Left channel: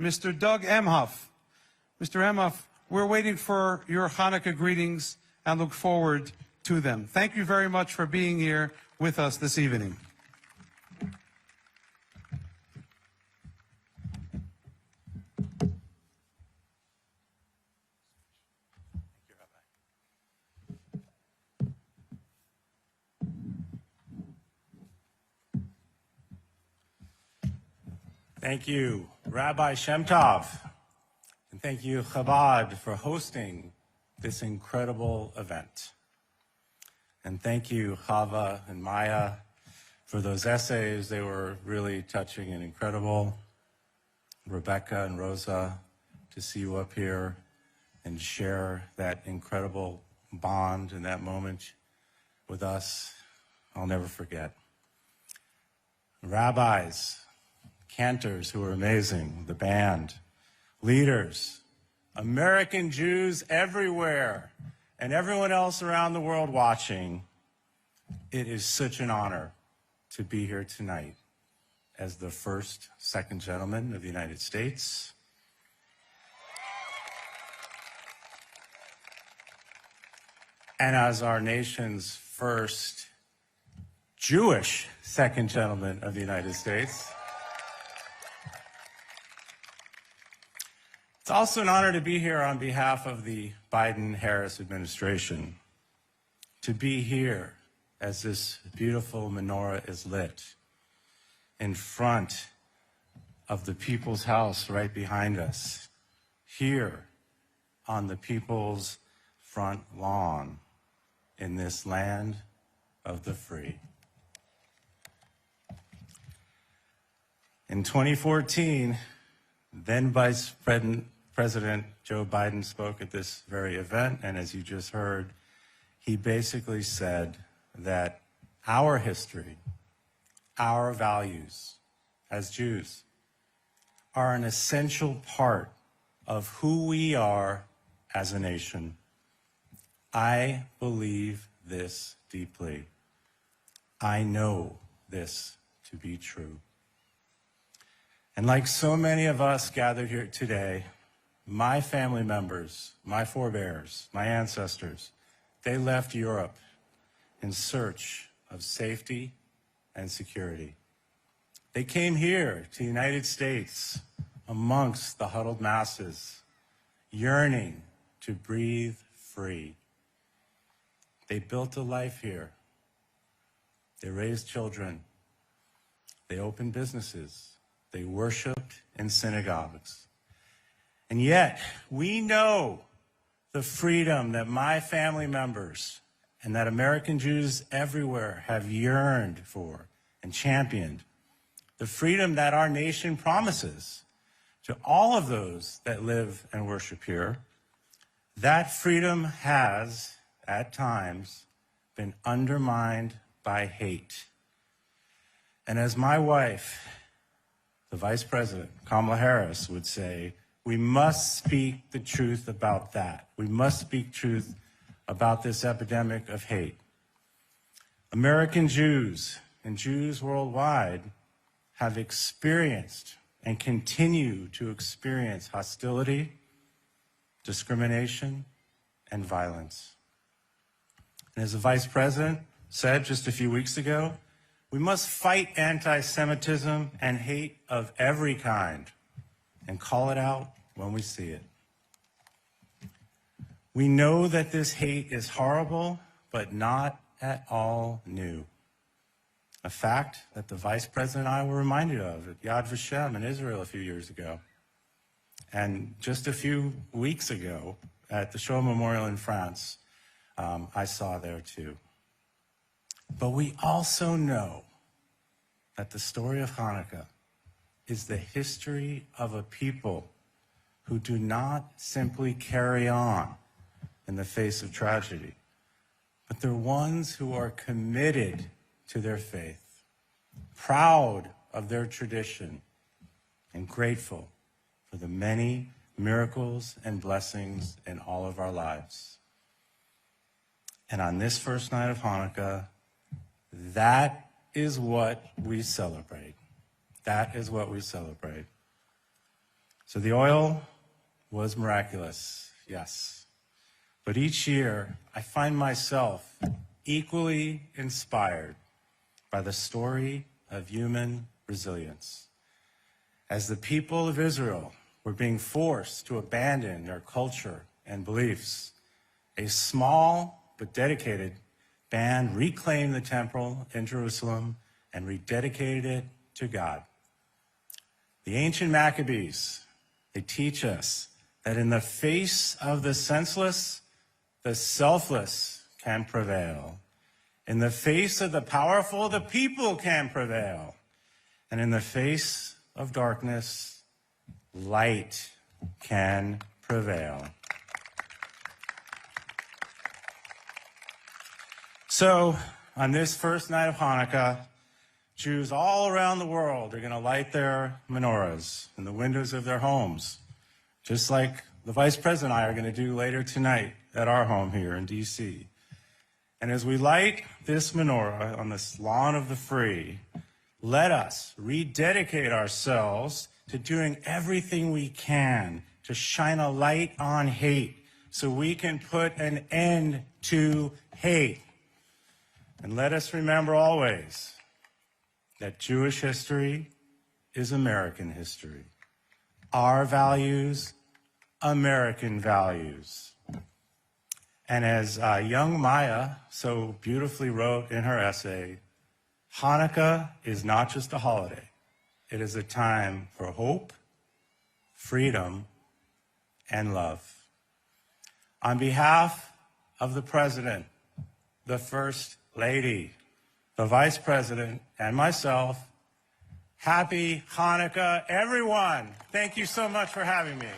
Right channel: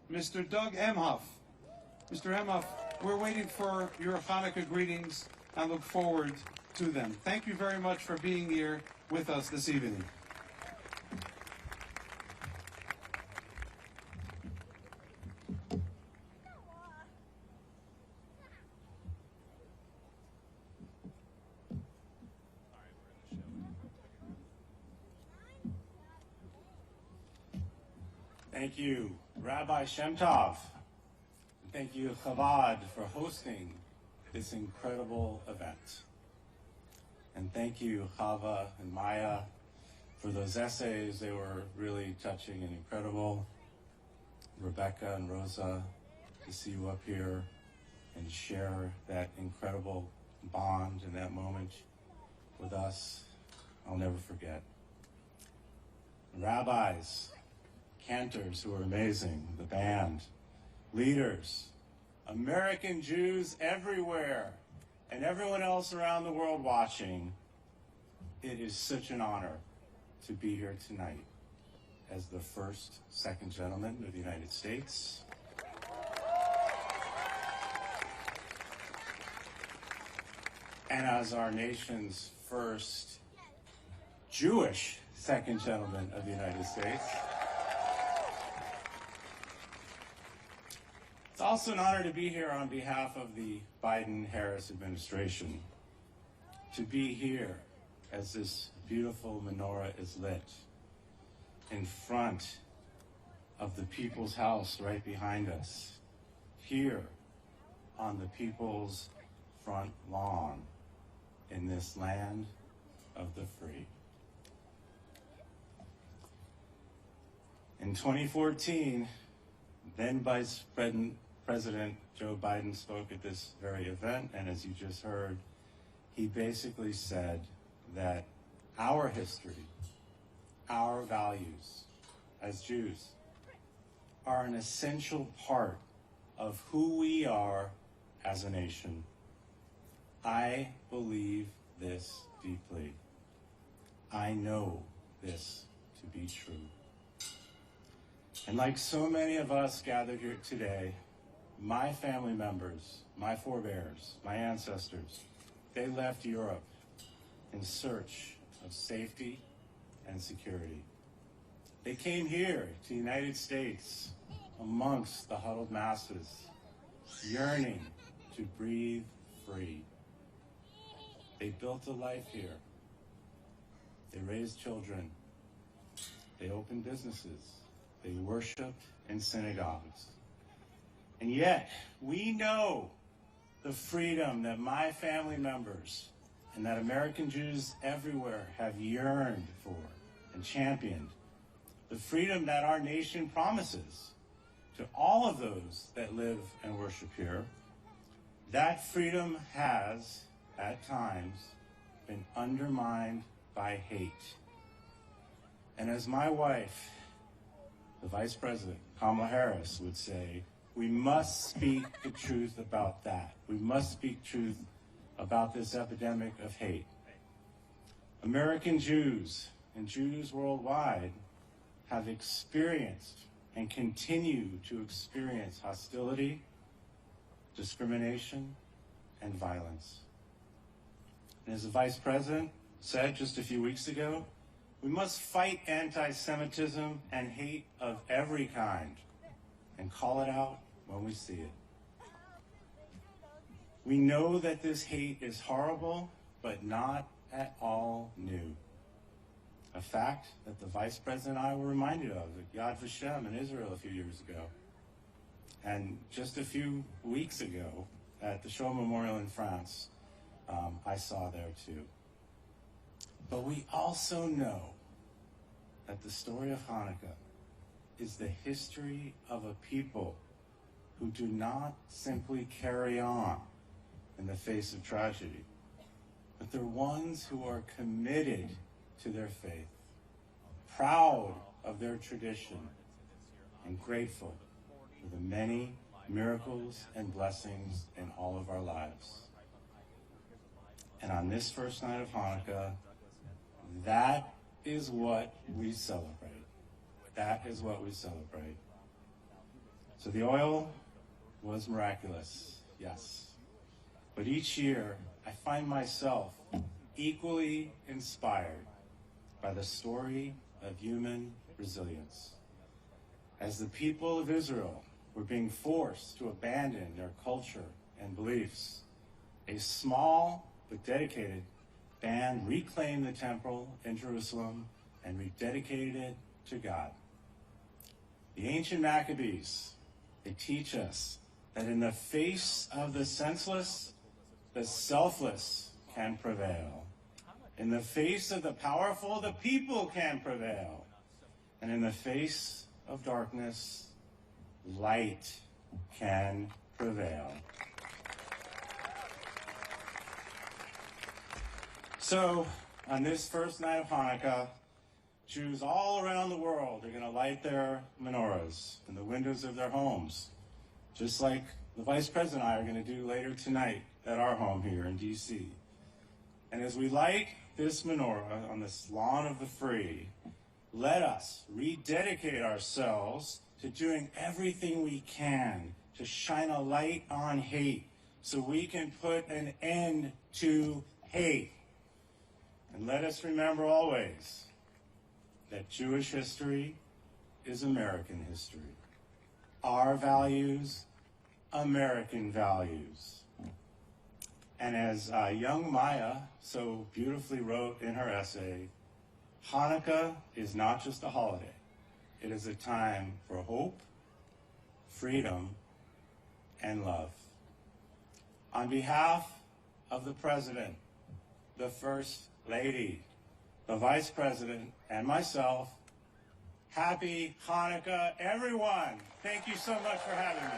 Mr. Doug Emhoff. Mr. Emhoff, we're waiting for your Hanukkah greetings and look forward to them. Thank you very much for being here with us this evening. Thank you, Rabbi Shem Tov, and thank you, Chabad, for hosting this incredible event. And thank you, Chava and Maya, for those essays. They were really touching and incredible. Rebecca and Rosa, to see you up here and share that incredible bond and that moment with us, I'll never forget. Rabbis, cantors who are amazing, the band, leaders, American Jews everywhere, and everyone else around the world watching. It is such an honor to be here tonight as the first second gentleman of the United States. And as our nation's first Jewish second gentleman of the United States. It's also an honor to be here on behalf of the Biden-Harris administration, to be here as this beautiful menorah is lit in front of the People's House right behind us, here on the people's front lawn in this land of the free. In 2014, then Vice President Joe Biden spoke at this very event, and as you just heard, he basically said that our history, our values as Jews, are an essential part of who we are as a nation. I believe this deeply. I know this to be true. And like so many of us gathered here today, my family members, my forebears, my ancestors, they left Europe in search of safety and security. They came here to the United States amongst the huddled masses, yearning to breathe free. They built a life here. They raised children. They opened businesses. They worshiped in synagogues. And yet, we know the freedom that my family members and that American Jews everywhere have yearned for and championed. The freedom that our nation promises to all of those that live and worship here. That freedom has, at times, been undermined by hate. And as my wife, the Vice President, Kamala Harris, would say, we must speak the truth about that. We must speak truth about this epidemic of hate. American Jews and Jews worldwide have experienced and continue to experience hostility, discrimination, and violence. And as the Vice President said just a few weeks ago, we must fight anti-Semitism and hate of every kind and call it out when we see it. We know that this hate is horrible, but not at all new. A fact that the Vice President and I were reminded of at Yad Vashem in Israel a few years ago. And just a few weeks ago at the Shoah Memorial in France, I saw there too. But we also know that the story of Hanukkah is the history of a people who do not simply carry on in the face of tragedy, but they're ones who are committed to their faith, proud of their tradition, and grateful for the many miracles and blessings in all of our lives. And on this first night of Hanukkah, that is what we celebrate. That is what we celebrate. So the oil was miraculous, yes. But each year, I find myself equally inspired by the story of human resilience. As the people of Israel were being forced to abandon their culture and beliefs, a small but dedicated band reclaimed the temple in Jerusalem and rededicated it to God. The ancient Maccabees, they teach us that in the face of the senseless, the selfless can prevail. In the face of the powerful, the people can prevail. And in the face of darkness, light can prevail. So, on this first night of Hanukkah, Jews all around the world are going to light their menorahs in the windows of their homes, just like the Vice President and I are going to do later tonight at our home here in D.C. And as we light this menorah on this lawn of the free, let us rededicate ourselves to doing everything we can to shine a light on hate so we can put an end to hate. And let us remember always that Jewish history is American history. Our values, American values. And as young Maya so beautifully wrote in her essay, Hanukkah is not just a holiday. It is a time for hope, freedom, and love. On behalf of the President, the First Lady, the Vice President, and myself, happy Hanukkah, everyone. Thank you so much for having me.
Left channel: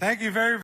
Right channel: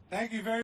Thank you very much.